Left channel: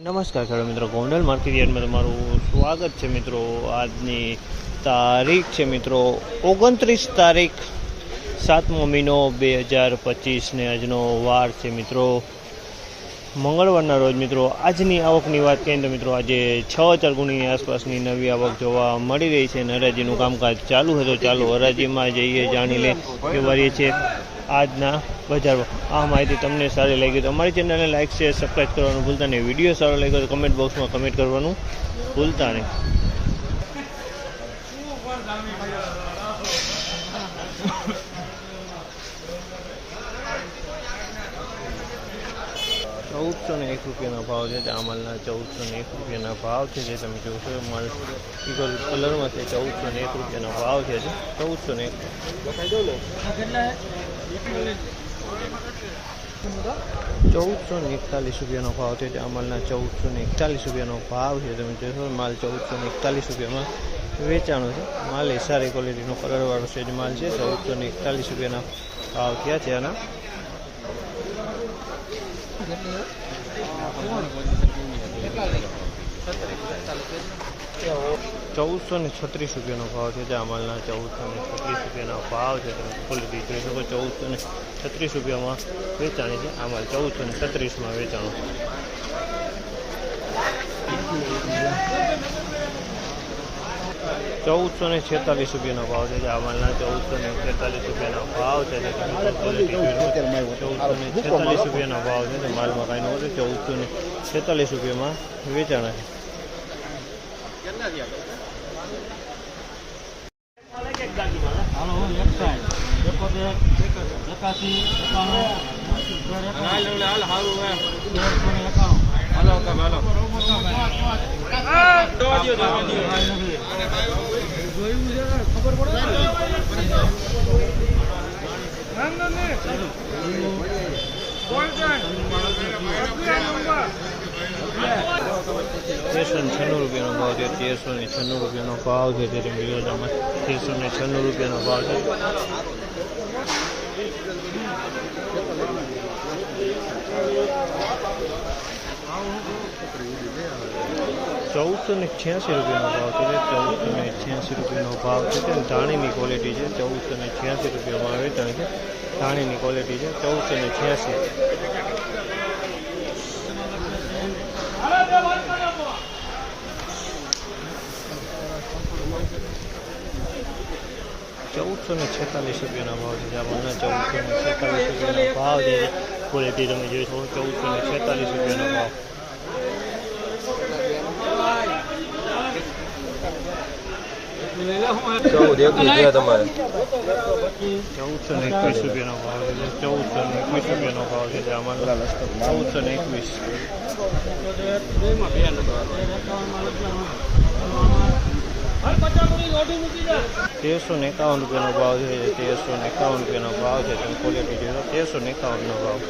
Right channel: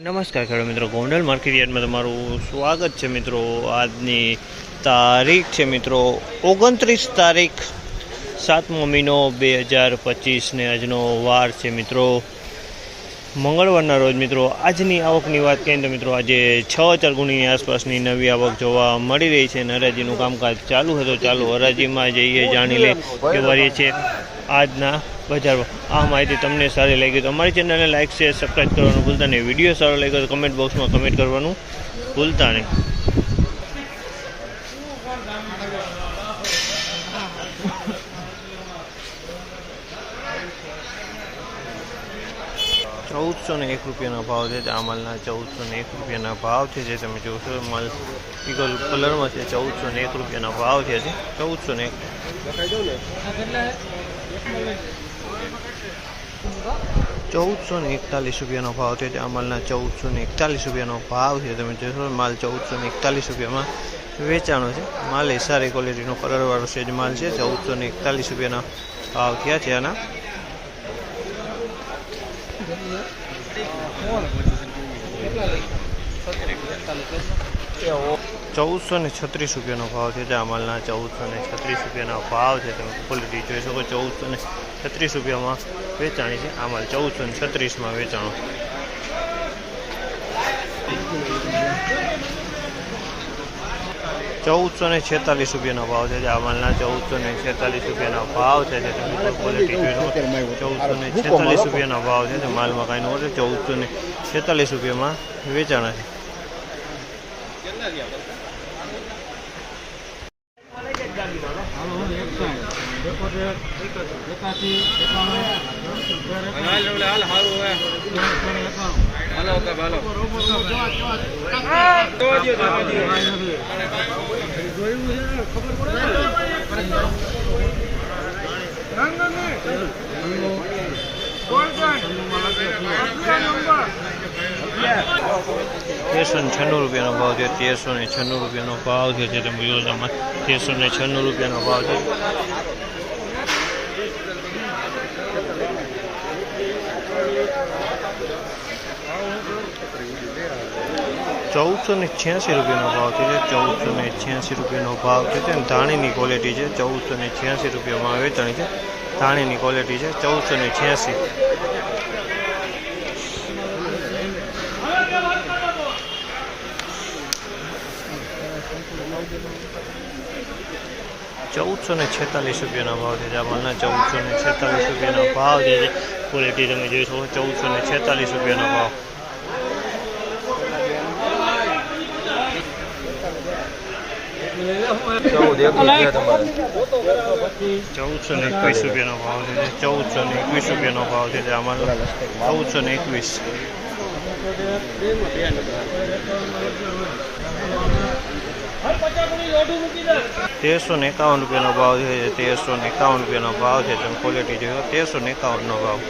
નમસ્કાર ખેડૂત મિત્રો, ગોંડલ માર્કેટ યાર્ડમાં તમારું સ્વાગત છે મિત્રો। આજની તારીખ છે મિત્રો 29 તારીખ 7મો મહિનો 2025 ને આજનો વાર છે મિત્રો મંગળવારના રોજ મિત્રો। આજની આવકની વાત કરીએ તો મિત્રો આજે 6,000 ગુણીની આસપાસની નવી આવક જોવા મળી રહી છે। હરાજીનું કામકાજ ચાલુ છે, તો ચાલો હરાજીમાં જઈએ, જાણી લે કે વારીએ છે આજના બજારમાં। આ માહિતી તમને સારી લાગી તો અમારી ચેનલને લાઇક શેર સબસ્ક્રાઈબ કરવાનું ભૂલતા નહીં। વિડીયો સારો લાગ્યો તો કમેન્ટ બોક્સમાં કમેન્ટ કરવાનું ભૂલતા નહીં। ₹1,401 ભાવ છે। આ માલના ₹1,401 ભાવ છે, જે તમે જોશો માલ ઈગલ કલરમાં છે। ₹1,401 ભાવ છે। ₹1,441 ભાવ છે। આ માલના ₹1,441 ભાવ છે, તમે જોશો માલ ₹1,441 વેચાણો છે। માલ એ સારી ક્વોલિટીનો કલરવાળો સેજ માલ છે। ₹1,441 ભાવ થયા છે આના। ₹1,436 ભાવ છે। આ માલના ₹1,436 ભાવ છે, તમે ક્વોલિટી જોઈ શકો। ₹1,436 વેચાણી છે। આ માલ 1,436 વેચાણો। ₹1,446 ભાવ છે। આ માલના ₹1,446 ભાવ છે, તમે ક્વોલિટી જોઈ શકો। ₹1,446 ભાવ છે। માલમાં કાંઈ નો છે। ₹1,446 વેચાણા છે। ₹1,396 ભાવ છે। ₹1,396 ભાવ છે, જે તમે જોશો ₹1,396 ભાવ છે। ₹1,486 ભાવ છે। ₹1,486 ભાવ છે। ધાણીની ક્વોલિટી છે। ₹1,486 વેચાણી છે। ધાણીની ક્વોલિટી છે। 1,486। ₹1,446 ભાવ છે। આ માલના ₹1,446 ભાવ છે। ક્વોલિટી તમે જોઈ શકો। ₹1,446 ભાવ। ₹1,421 ભાવ છે। ₹1,421 ભાવ છે। આ માલ 1,421। ₹1,351 ભાવ છે। ₹1,351 ભાવ છે, તમે ક્વોલિટી જોયો। ₹1,351 ભાવ।